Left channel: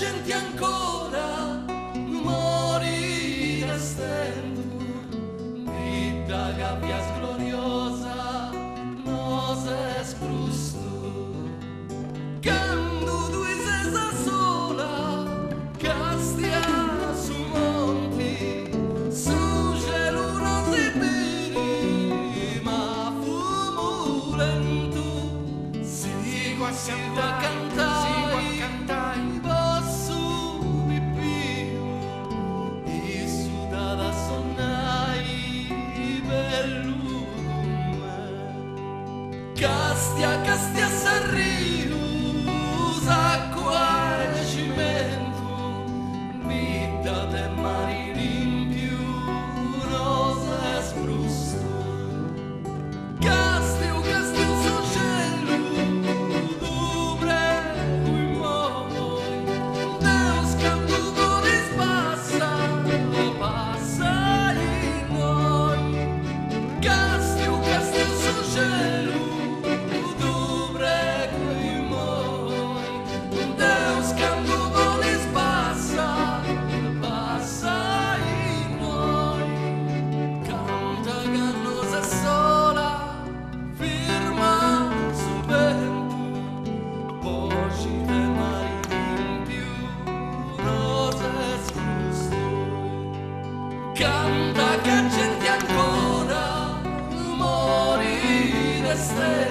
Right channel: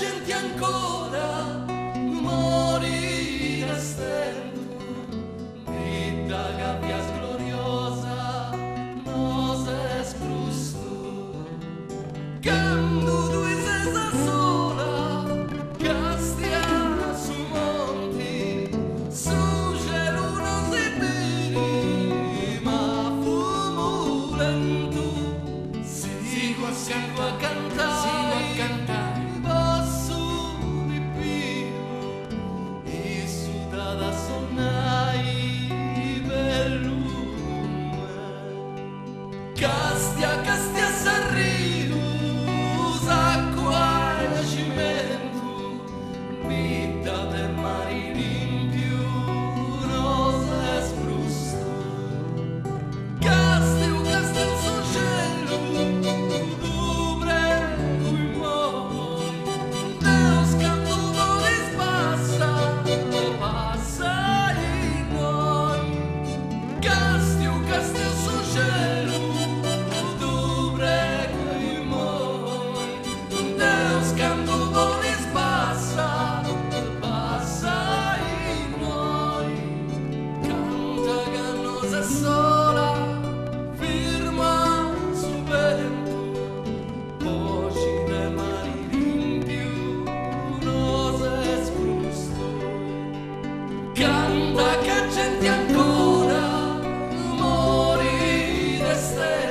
gente ancora morire stendo, vita che abbia gloriosa nos es prusto, quando tu sei sola, castia su monti, su cielo non si vedi, ma fumo lento, sigo a cantare. Castia s'arrius, acqua e cimento, vita de mari limpiu, rosa e sprusto. Castiu sul cielo, tu prego i moi, Deus canto volis passa in noi. Castiu sul cielo, sola, firma su vento, voci de mari limpiu, rose scrusto. Canta che gente ancora morire stessa.